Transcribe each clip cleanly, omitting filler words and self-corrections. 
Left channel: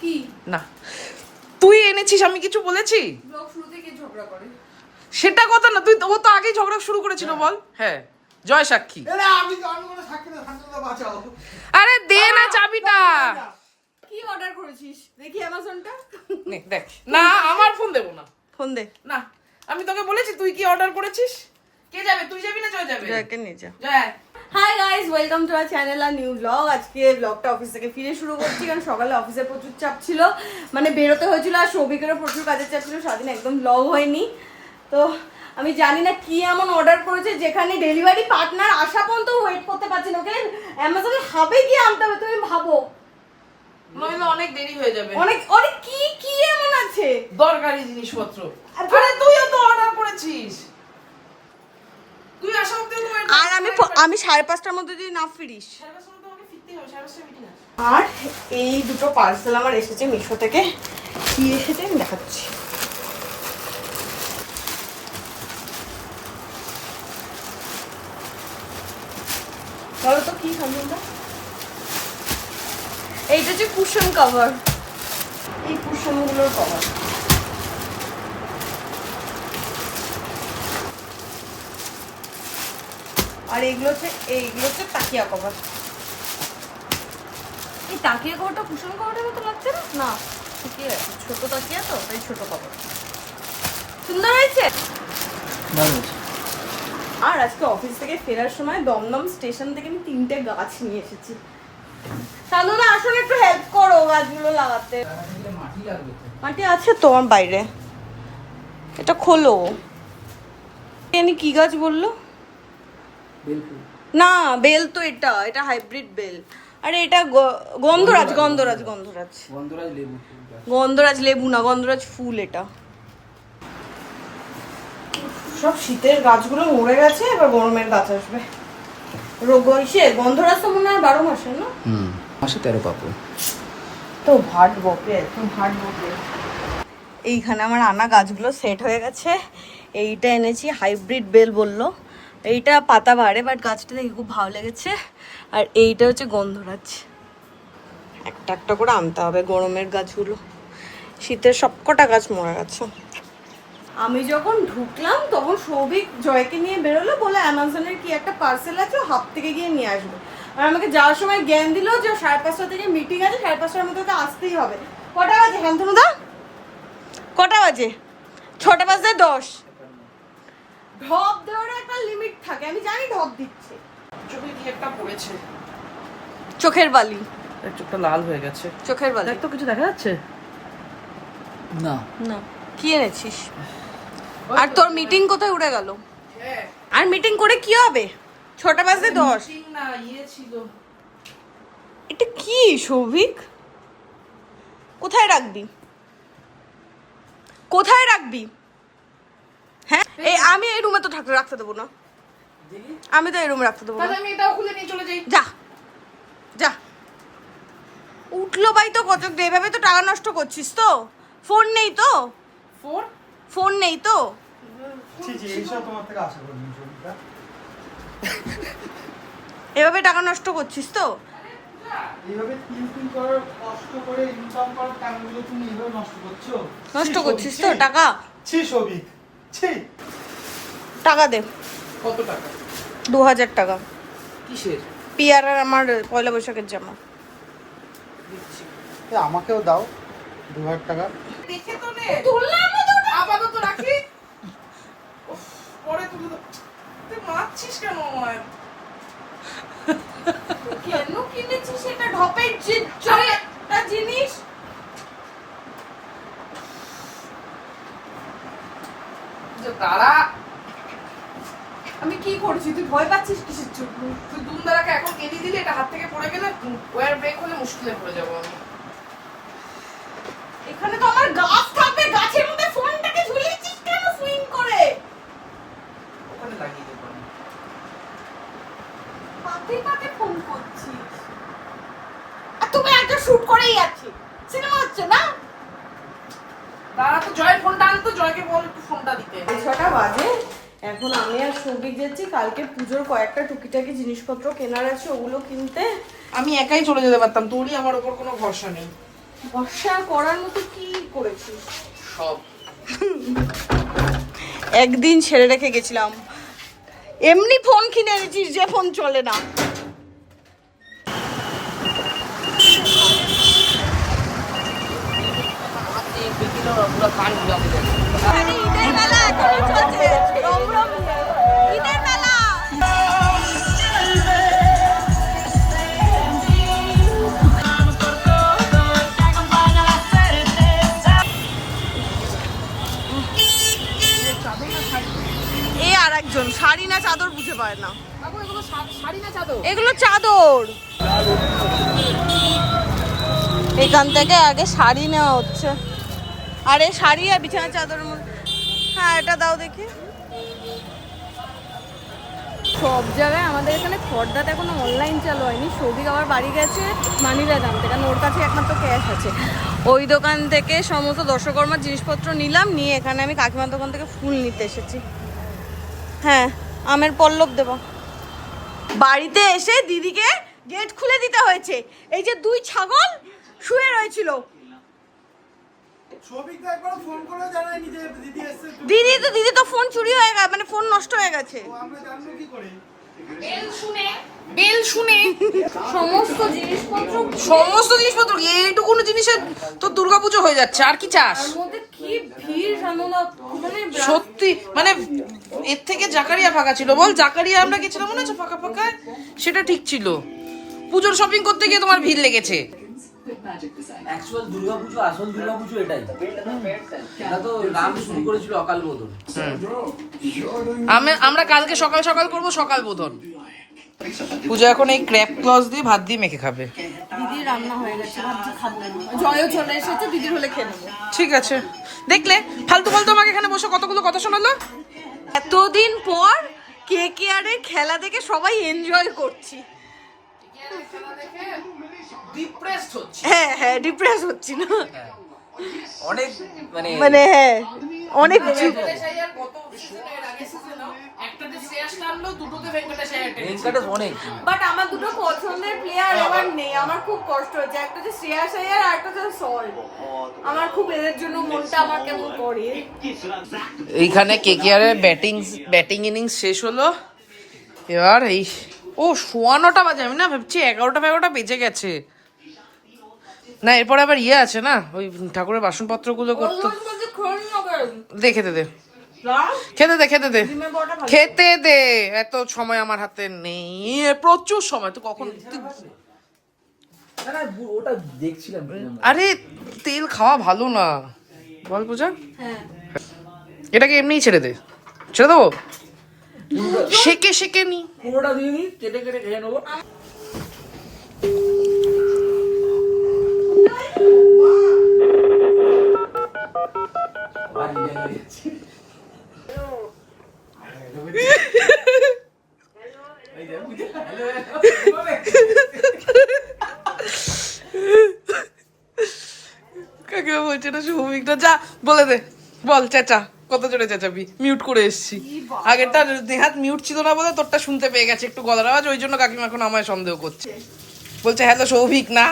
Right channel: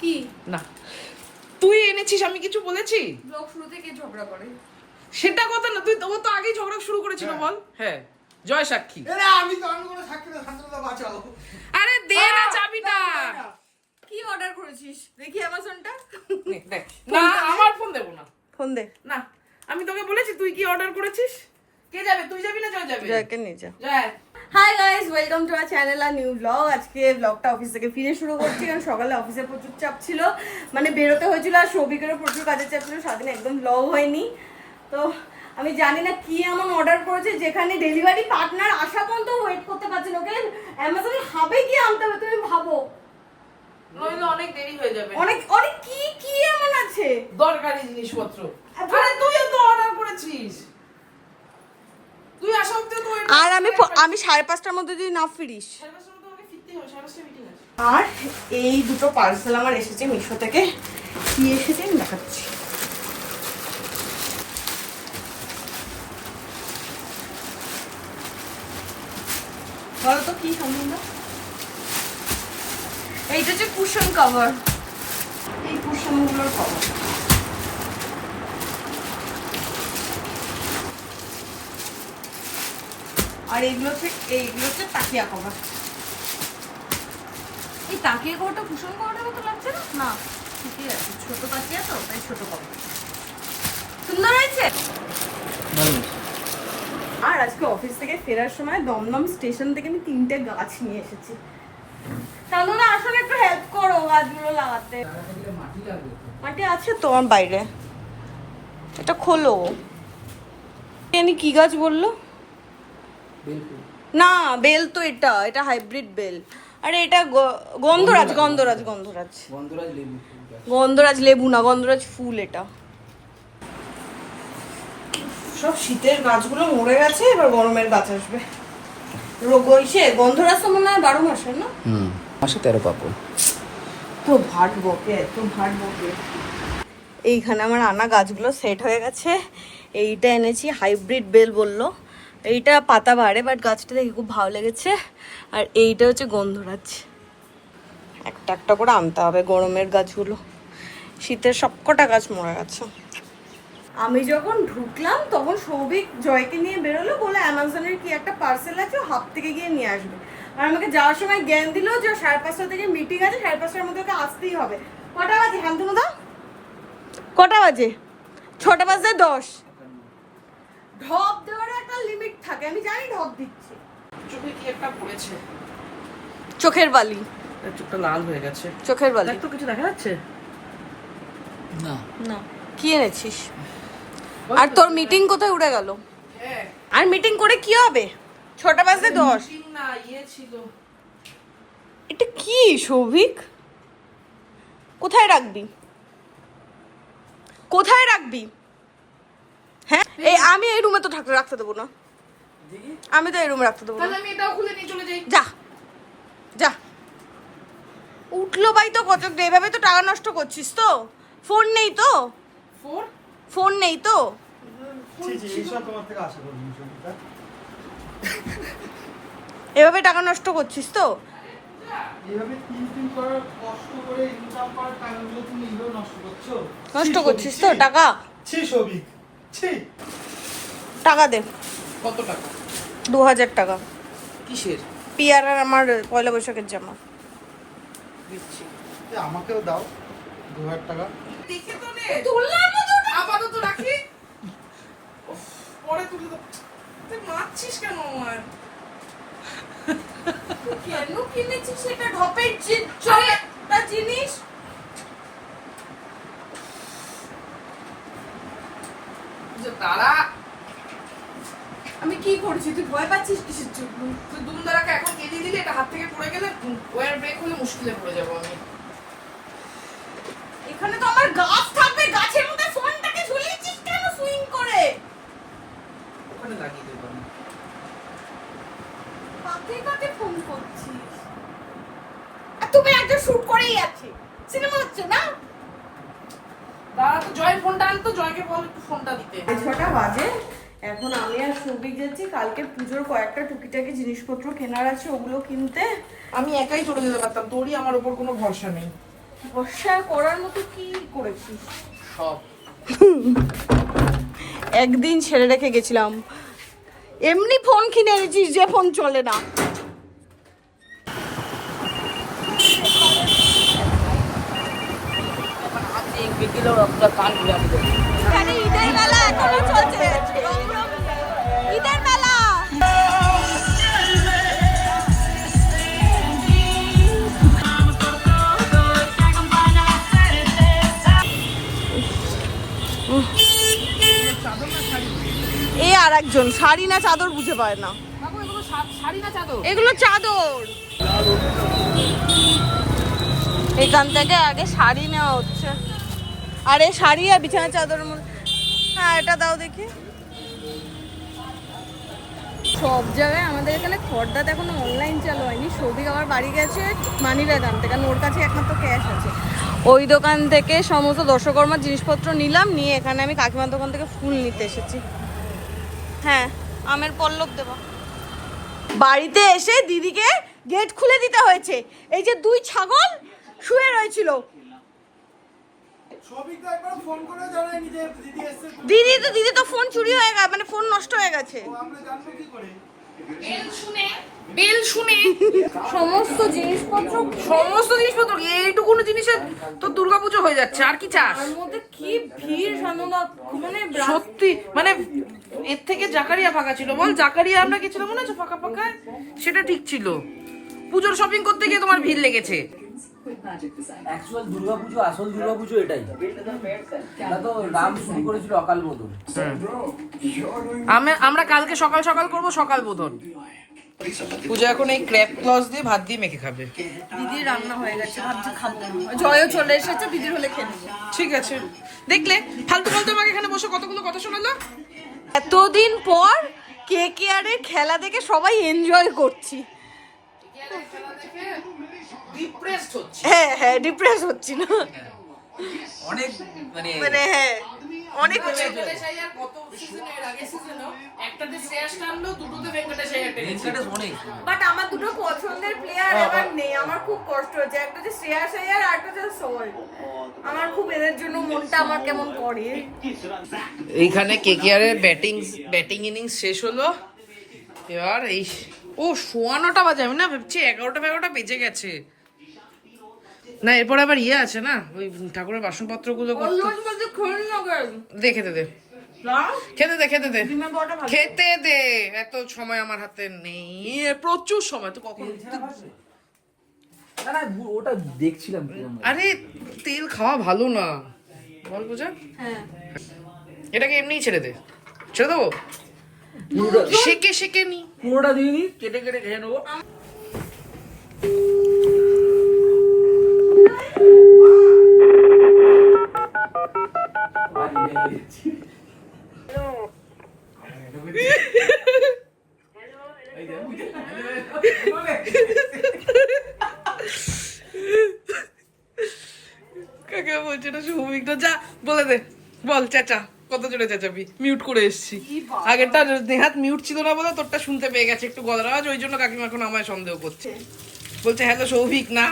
কি না তুই এনেছিস, আমি কিছু বলেছি? ব্লগ শুরু থেকে ঝগড়া করে। সেটা কথা না, তুই ও তো আগেই ঝগড়া শুরু করেছিল। বল। হ্যাঁ, জয় সাক্ষী। আমি কোনো সাক্ষী না, শান্তনুদা বাঁচাও। আরে দে না চাবিটা। কি অর্ডার করেছিস দেখি অ্যামাজনটা। নে, দেখ না, আমার ফোন দেবো না। ফোন দে। না, আমি তোকে বলেছি তুই কি অর্ডার করেছিস। কে যাবে, তুই যাবি না জয় যাবে? জয়কে নিয়ে যা। Joy. Hi guys, welcome to our channel আর নিউ ব্লগ। আজকে ব্লগটা অফিস থেকে ফিরে শুরু করছি, কারণ সকালে অফিসে প্রচুর চাপ ছিল, মানে বেরোতে হয়েছিল, আর সৌভিকেরও প্রচুর কাজের চাপ ছিল, সারাদিন একদম ব্লগ হয়নি। তো আমি জানি না কি এমন অর্ডার করেছে যেখানে ডেলিভারি পার্টনার আসা পর্যন্ত ওয়েট করতে পারছে না। ওকে অ্যামাজনের হাবে গিয়ে আনতে হবে, তুমি ভাবো। নইলে অনেক দেরি হয়ে যাবে। অনেক অনেক কি কি এমন আছে দরকারি জিনিসপত্র। আরে তুইও তো অর্ডার করেছিস, তুই আসা অব্দি তো wait আর আমি 5:30টার মধ্যে যদি না ফিরিস। সাড়ে পাঁচটার মধ্যে আমাকে ফিরতেই হবে, সাড়ে পাঁচটায় মিটিং আছে। আর এই দুটো পার্সেল আমার এসেছে মিশো থেকে। কি এসেছে আমি দেখাচ্ছি। বলো তো কি সম্বন্ধ। এইটা হচ্ছে কুশন কভার, এই কুশনগুলোর কভার। আর এইগুলো হচ্ছে তাকিয়া কভার। এই তাকিয়া কভারটা কুশন কভারের মতো লাগছে না? না, ঠিকই আছে, ছোট তাকিয়া তো, তাই ছোট কভার। সুন্দর হয়েছে। আর আজকে অফিস থেকে ফেরার সময় দমদম স্টেশন থেকে আমি 3টে গাছ নিয়ে এসেছি। তাহলে আসলে একটু হেল্প করো গাছগুলো লাগাতে। মাটি আছে তো আমার বাইরে, এটা খোলো। এনি কি গাছ বললো? না, বেল তো এটা হাইব্রিড বেল। আরে এটা গন্ধরাজ গন্ধরাজ গন্ধরাজ গন্ধরাজ লেবু না, গন্ধরাজ ফুল। এটা সব শীতের গাছগুলো মরে গেছে, এবার গরমের গাছ আসবে। গন্ধরাজ তো মনে হয় 12 মাসে না? মাসে 13 পাবো। তো ভাট বপে, এইখানে আমার আনা গাছগুলো সেট হয়ে গেছে। এইটা এনেছি, হাইব্রিড বেল বললো। এইটা পাতা বাড়ে, বাট গাছটা দেখে খুব ভালো লেগেছে। আর এইটা হচ্ছে গন্ধরাজ। একটা একটা করে আনতে হবে গরমের গাছগুলো, শীতের সবকটা গাছ মরে গেছে। আমি যখন ঢুকলাম তখন সৌভিক জয়কে নিয়ে বেরোলো, বলে অ্যামাজনের কি একটা পার্সেল আছে, হাফ থেকে গিয়ে নিয়ে আসবে। আর আমাকে যাওয়ার সময় জ্ঞান দিল যে 5:30 থেকে মিটিং আছে, 5:30টার মধ্যে ওকে আসতেই হবে। কটা বাজে শান্তনুদা? কটা বাজে? 6:10। ঢপ দেওয়ার একটা লিমিট থাকে, আমি জানি ঢপ দিচ্ছে। চোখে কি একটা পড়েছে, চোখের বালি। চোখটা লাল হয়ে গেছে। চোখের বালি দেখ তো, কিছু দেখা যাচ্ছে না? না। কি এনেছিস? আর তোর মিটিং কোথায় উড়ে গেল? হ্যাঁ, আর মিটিং করে কি হবে? 6:10। মিটিং না, ইয়ে ছিল। এটা কি সৌভিক? কোথায় রাখবি? কোথায় রাখবি? হ্যাঁ, এই আমি এই রুমে তো রাখতে দেবো না। আমি তো এই রুমে রাখতে দেবো না। তাহলে আমি এটাও খুলে নিয়ে চলে যাই। যা যা। উঠলো ভাই তো কত, এভাবে তো টাকা নষ্ট করছিস তো। ফোন নেই তো? ফোন নেই তো? এভাবে টাকা নষ্ট করছিস তো? এইভাবে 3 দিন করার কষ্ট করে ইনকাম করার টাইমগুলো তুমি এইভাবে নষ্ট করছো। নষ্ট করছিস তো টাকা? ছি সবিক, ছি। টাকা দে। কত টাকা? 2000 টাকা। কিসের? পিয়ার আর আমার পয়লা বৈশাখের জামা। দিচ্ছি। আমাকেও দাও 2000 টাকা। দেখে তো নে। তুললাম তো, আপাতত রাখি। উফ, পরে তুলে দাও। তুই মারছিস কেন আমায়? কেন কিনেছিস এটা ঢপের একটা জিনিস? যে তারা, আমি কি করছি? তুই ভয় পাচ্ছিস কিসের জন্য? তুই দুমদারাকে এখন এনে দিলে, এটা হাত থেকে পড়ে গেলে ওয়ার ব্রেক হলে মুশকিলে পড়ে যাবো আমি। এখানে তো আমার গাছ থাকবে, গাছের মধ্যে ফোনটাকে ঝুলিয়েছিস কেন সুইং করে? ওখানে লাগিয়ে দেবো আমি। পাতে পাতে ফোন করছিস। আর তুমি একটা শুট করেই আছি, সিনেমা হচ্ছে না? দাঁড়া তো, জয়ের ফোনটা আনতো, জয়কে বল একটু ফোনটা দিতে। 6টা বাজে। এখন আমি আর সৌভিক যাচ্ছি কালকে পুজোর কয়েকটা টুকিটাকি জিনিসপত্র কেনার আছে, ওগুলো কিনতে। আমি একাই চলে যেতে পারতাম, তোরই আমার ওপর কোনো ভরসা নেই। বর্ষা করার মতো কি করেছিস? সব একদিন ছেড়ে রেখে গেছিলাম, এমনি ফোন কিনে এনেছিস যে ফোন চলে না। এখানে ঈদের মেলা এখনো চলছে, রমরম ঈদের মেলা। এ আর একজন শাড়ি না চাদর বুঝে পায় না। এগুলো চাদর। এখান থেকে আগে শাড়ি নেওয়া হচ্ছে, আরে শাড়ি আর বিছানা চাদর। হ্যাঁ এটা দাও দেখি। সব জায়গায় আমাদের এখানে খড়দাতে এখনো অনলাইন চালু হয়নি। সৌভিক আবার বাড়ি গেছে মানি ব্যাগ আনতে, কারণ ওর কাছে একমাত্র ক্যাশ আছে। ওই দোকান থেকে সমস্ত দর্শকর্মার জিনিসপত্র নিলাম, নিয়ে এখানে আমি কাকিমার দোকান থেকে ফুল নিতে এসেছি। হ্যাঁ আমের পল্লব দেবো। বাড়িতে এসে দিদিকে গেট খুলে দিতে হয়েছে। এই যে দুই ছাগল শুয়ে রয়েছিল, দিদি তো ফোন চুরি হয়ে গেছে, মানে ফোন নষ্ট হয়ে গেছে। সমস্ত জিনিসপত্র এইটুকু জিনিসের তো দুর্গাপুজো হয়ে যাচ্ছে, আর কি চাস? তার মধ্যে কি ভিড় সানুনা, মানে সত্যি মানে এর থেকে জাকারিয়া ফাঁকা ছিল। বল, জাকারিয়া আমরা গেছিলাম মনে হচ্ছে ফাঁকা ফাঁকা, সেটা ঠিক ছিল। পুজোর শপিং করতে গিয়ে তোমার ভিড় লেগেছে। অ্যাকচুয়াল দুর্গাপুজো, আসল দুর্গাপুজো এটাই। এটা তো রাম শুরু করেছিল অকাল বোধন। আমরা কালকে সকাল সকাল করবো সকাল বোধন। পূজা এখন এই ক্র্যাপ ক্লস দিয়ে ভাত দিয়ে মেখে খাবে। দিদি রান্না হয়ে গেছে, ভাবছি খাবো না। জয়ও চলে এসেছে, দিদি হলে খেয়ে নেবো। ঠিক আছে, দেখলে ফালতু ফালতু আমাকে এখানে বসে কতগুলো কথা শোনালো। এতদিন পর KKR এর খেলা দেখে সবাই এনজয় করছি। হ্যাঁ হ্যাঁ ডিপ্রেস হচ্ছি না, অনেক মানে হ্যাঁ অনেক। বাট আমার দুটো পছন্দের প্লেয়ার এবার নেই, আমার খুব কষ্ট হচ্ছে। একটা হচ্ছে শ্রেয়াস আইয়ার আর একটা হচ্ছে সল্ট। আমার খুব এদের জন্য মনটা আমার কেমন করে। এইখানে KKR এর ব্যাটিং ইনিংস শেষ হলো। এবার এই 9:15 বাজে, আমি না ভাবছি 11টা বেজে গেছে। না এরপরে আবার আছে না, ওই ঠাকুরের বাসনপত্র গুলো করতে। খেতে দে, এত সময় আমার হাতে নেই, প্রচুর সময়। তো কখন ওটা দেখছিলাম। আরে তেল খাওয়া ভালো না, বল পূজা। এটাকে এমনিই ছেড়ে দেবো, সেকে নি। পুরোটা দিয়ে নি, কেটে খেয়ে নেবো। কাকিমা বলছে না সৌমিকটা, যা বলে দে, বল চেঁচা, কত জোরে চেঁচাবি। মিউট করে এসছি, আগেরটা নেহাত মিউট ছিল না বলে তোরটা শুনতে পেয়ে গেছে একটু গলার আওয়াজ, ওই জন্য কাকিমা এখন আমায় সন্দেহ করছে। বলছে হ্যালো সৌভিক না।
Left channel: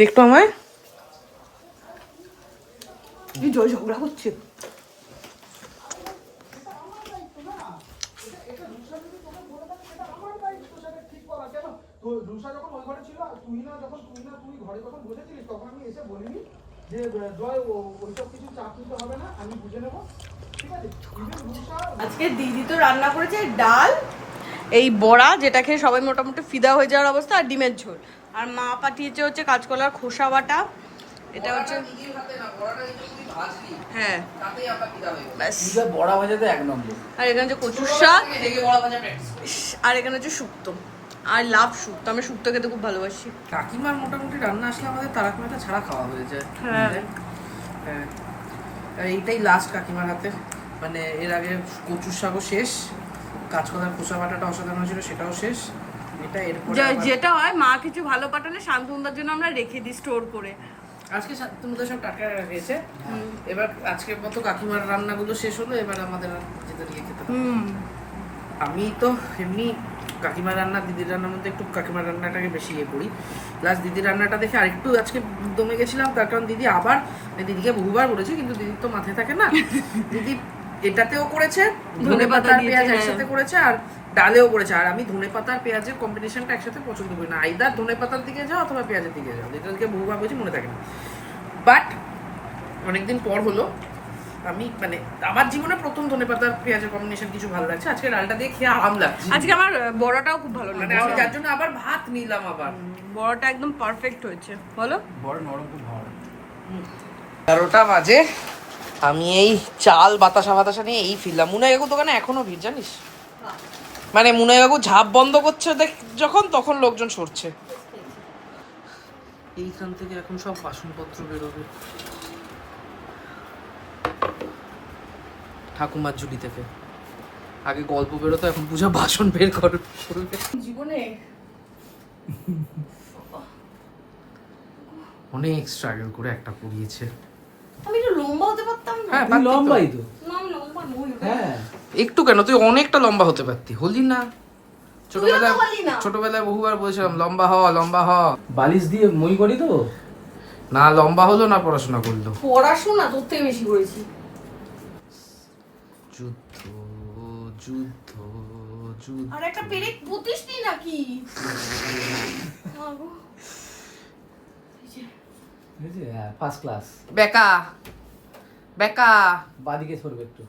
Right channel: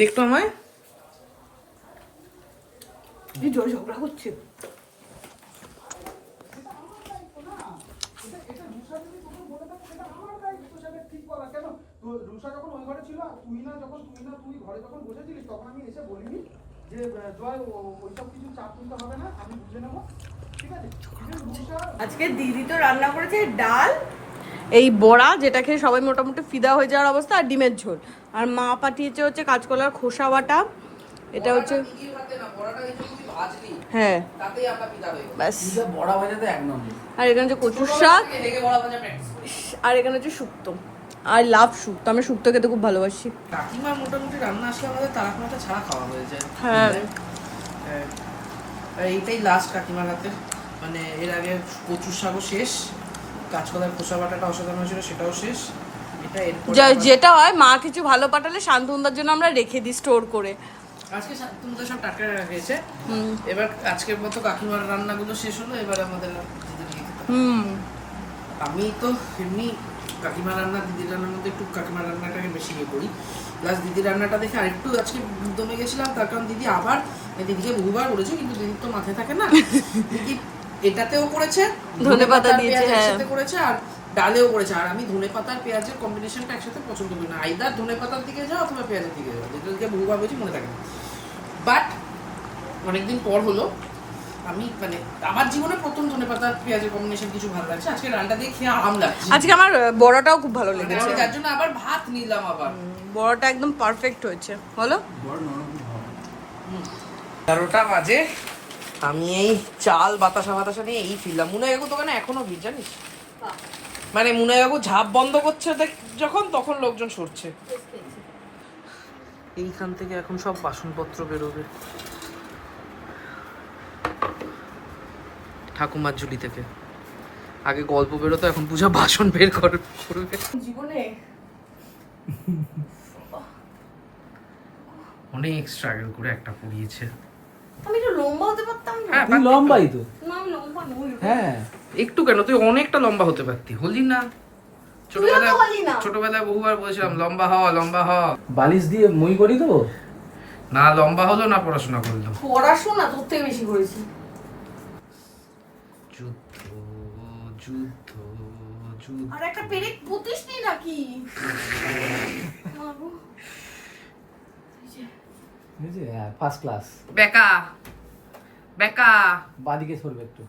দেখতো আমায় জয় ঝগড়া হচ্ছে। আজকে দিদি তো রান্না করেছে ডাল, এই বড়া যেটা খেয়ে সবাই মোটামুটি ফিদা হয়ে যাওয়ার অবস্থা, আর ডিমের ঝোল। আর মা পাঠিয়েছে হচ্ছে কাঁচকলার খোসা বাটা, এটা হচ্ছে হ্যাঁ ব্যাস। বড়া ভাজাতে এক নম্বর। আর এখানে হচ্ছে কচুর শাক, আর এখানে হচ্ছে শুক্তো, আর লাভ শুক্তো। আমি শুক্তো খেতে খুব ভালোবাসি। কাকিমার মোটামুটি রান্না আসলে আমাদের তারাখানাটা ছাড়া খাওয়া হয়ে যায়। হ্যাঁ এইটাই লাস্ট কাকিমার হাতে, মানে এর আগে কচুর শাকও শেষ, কাঁচকলার খোসা বাটাটা অসাধারণ ছিল, সেটাও শেষ। যেটা হয় মা কিছু ভালো পাঠালে শান্তনুদার জন্য আমরা রেখে দিই স্টোর করে। আজকে তোমাদের সব টাটকা গেছে। এবার আজকের মতো কাকিমার রান্নাগুলো শেষ হলো, এবার আমাদের আমি তো এমনি কাকিমার রান্না দিদির রান্নার মধ্যে একটু কাকিমার রান্নাটাকে বেশি ইয়ে করি। প্লাস দিদির রান্নাটা দেখে আরেকটু আজকে দমে গেছিলাম, তার কারণ দিদি আবার, দিদিকে বহুবার বলেছে কিন্তু দিদির তো মাথায় থাকে না, দিদি এটাতেও করেছে, ধনেপাতা আর পেঁয়াজ একসাথে করেছে, আর ডালেও করেছে। আর আমি ধনেপাতা আর পেঁয়াজের কম্বিনেশনটা একসাথে পছন্দ করি না, আইদার ধনেপাতার দিকে যাও অথবা পেঁয়াজের দিকে যাও, দিদিকে বহুবার বলছি মনে থাকে না। বাট অনেকদিন পর হলো আমি মানে আমার জীবনে প্রথম ধনেপাতার পেঁয়াজের কম্বিনেশন কিছু ভালো লাগছে, আজকে ডালটা দিয়ে খেয়ে আরাম লাগছে। আজকে আমার বড়টাও খুব ভালো মানে লেগেছে, আমি যার জন্য আবার ভাত নিলাম, আবার বড়টা একদম পারফেক্ট হয়েছে। বলো বড় নরম খুব ভালো। 11টা বাজে, আমি এই চাল বাতাসা নিয়ে এই ফিরলাম। মুনাই কাকু দোকানে এখনো ভিড় জানিস, মানে মুনাই কাকু ঝাঁপ বন্ধ করছে যখন, তখন লোকজন সরছে। এইখান থেকে এখন সব বাসনপত্র বেরোবে ঠাকুমার ঝুলি থেকে। আগে গল্প বেরোতো, এখন পূজা বাসন বের করবে জীবনে। অনেক স্ট্রাগল করে একটা পড়িয়েছে। আমি একটু লম্বা হতে পারতাম না? হ্যাঁ, তুই লম্বাই তো। না আমি লম্বা নই। হ্যাঁ একটু কেন, তুই অনেকটা লম্বা হতে পারতি, হলি না? তুইও তো হলি না। ছোটবেলায় বহুবার বলেছিলাম লম্বা হ লম্বা হ, বালিশ দিয়ে মই করি তো। না লম্বা হলো না পড়াশোনা করলো। পড়াশোনা তোর থেকে বেশি করেছি। যুদ্ধ যুদ্ধ যুদ্ধ। আর একটা পেরেক পুতিস নি নাকি? First class. বেকা বেকা। বাদিকে সরবে একটু।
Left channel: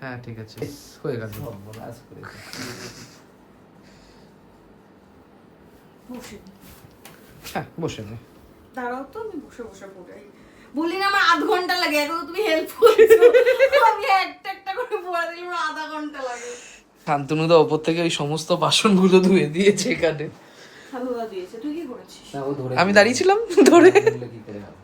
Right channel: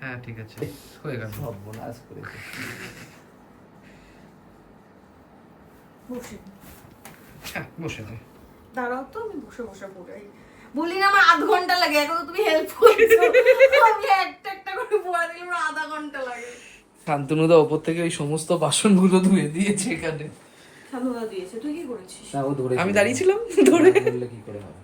হ্যাঁ ঠিক আছে, হয়ে গেল। সর্বনাশ করেছে। বসে হ্যাঁ বসে নে। দাঁড়াও তো, আমি বসে বসে পড়াই। বলি না আমার আধ ঘন্টা লাগে, এখন তো তুমি হেল্প করছো। আমি একটা করে পড়া দিলে আমার আধা ঘন্টা লাগে। শান্তনুদা ওপর থেকে ওই সমস্ত বাসনগুলো ধুয়ে দিয়েছে এখানে। শান্তনুদা দিয়েছে, তুই কি করেছিস? না, ও ধরে আমি দাঁড়িয়েছিলাম ধরে। কি করে হবে?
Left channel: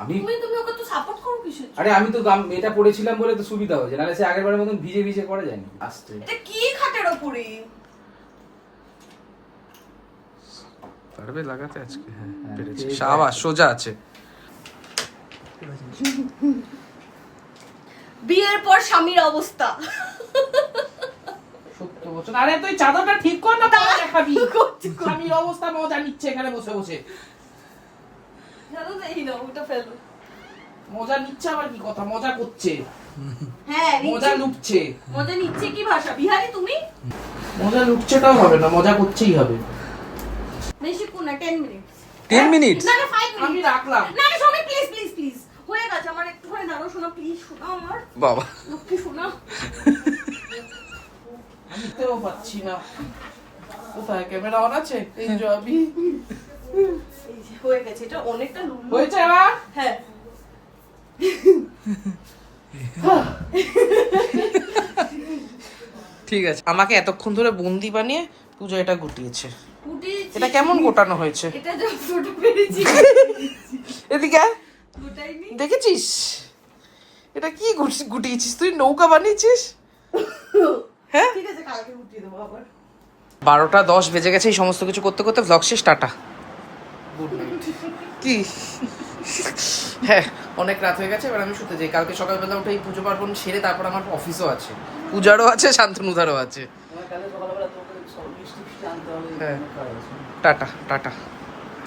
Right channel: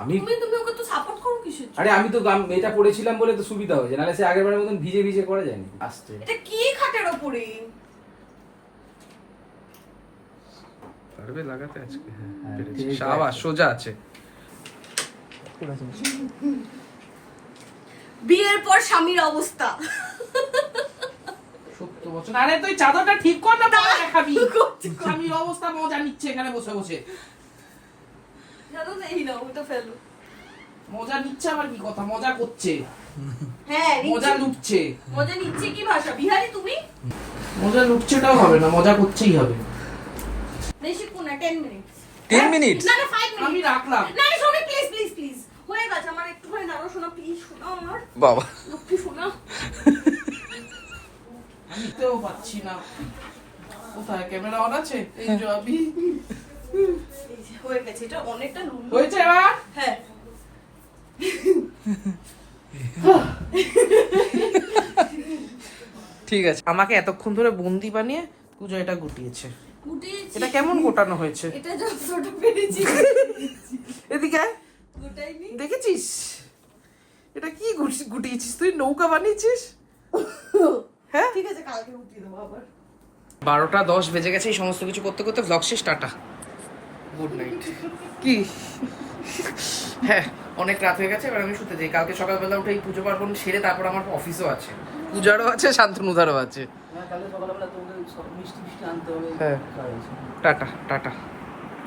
আমি তুমি ওকে তো সাপোর্ট করো কিসের জন্য? আরে আমি তো এটা পড়েছিলাম বলে তো সুবিধা হয়েছে, নাহলে সে আগের বারের মতন ভিজে ভিজে করা যায়নি। আস্তে এটা কি খাটের উপরে? পারবে লাগাতে আজকে? হ্যাঁ পেরেছি, সাবাস, সোজা আছে। বিয়ের পর স্বামীর অবস্থা। 70 বছর। আরে তুই চাদরটা ঠিক কর না, পরে দেখাবি। স্বামীর অবস্থা মজা নিচ্ছে এখানে বসে বসে। জানো তো এই না, ওটা ফেলো। মজা নিচ্ছে আবার কি কথা, মজা করছে। হ্যাঁ মজা লুটছে। মজা নিচ্ছে কি ভাষা? বিহারি তুমি? মজা লুটছেটাও হবে না, মজা করছেই হবে। বেশি কোন না, 10 মিনিটস। 10 মিনিটস? না না 5 মিনিট। আমি রাখলাম। না না সবাই প্লিজ প্লিজ প্লিজ। হয়ে গেছে আমার, একটুখানি দাঁড়াও, শোনা প্লিজ, শোনা আমার। বাবা কি শোনা? নিতেও পাচ্ছি না। কোথায় ক্যামেরা অন আছে? এই যে আমি। এই যে হয়ে গেছে, এটা অনেকটা লুলু। হয়েছে না? হ্যাঁ। ঠিক আছে, আমাকে এতক্ষণ ধরে বন্দি বানিয়ে পূজা এটা গুটিয়েছে। ফুটিয়েছি। এটা কেমন গোটানো হয়েছে? এটা যা ফটো পেরেছি। এদিকে আয়। গোটাইনি। দেখেছিস এটা কি গুটিয়েছিস তুই? নৌকা বানিয়েছিস? হ্যাঁ ঠিক আছে, কালকে গুটিয়ে দেবো আবার। 12টা 10 বেজে গেছে। এই সমস্ত কিছু করতে করতে ভ্লগ শেষ, টাটা, গুড নাইট। কি হ্যাঁ অনেক রাত হয়ে গেছে, এবার আমি শুতে যাই। কালকে সকালবেলা উঠে এই পুজো পার্বণ সেরে তারপর আমার অফিসও আছে, পূজারও আছে, শান্তনুদারও আছে। কালকে সকালবেলা তোমাকে সব মিষ্টি আনতে হবে। হ্যাঁ টাটা টাটা।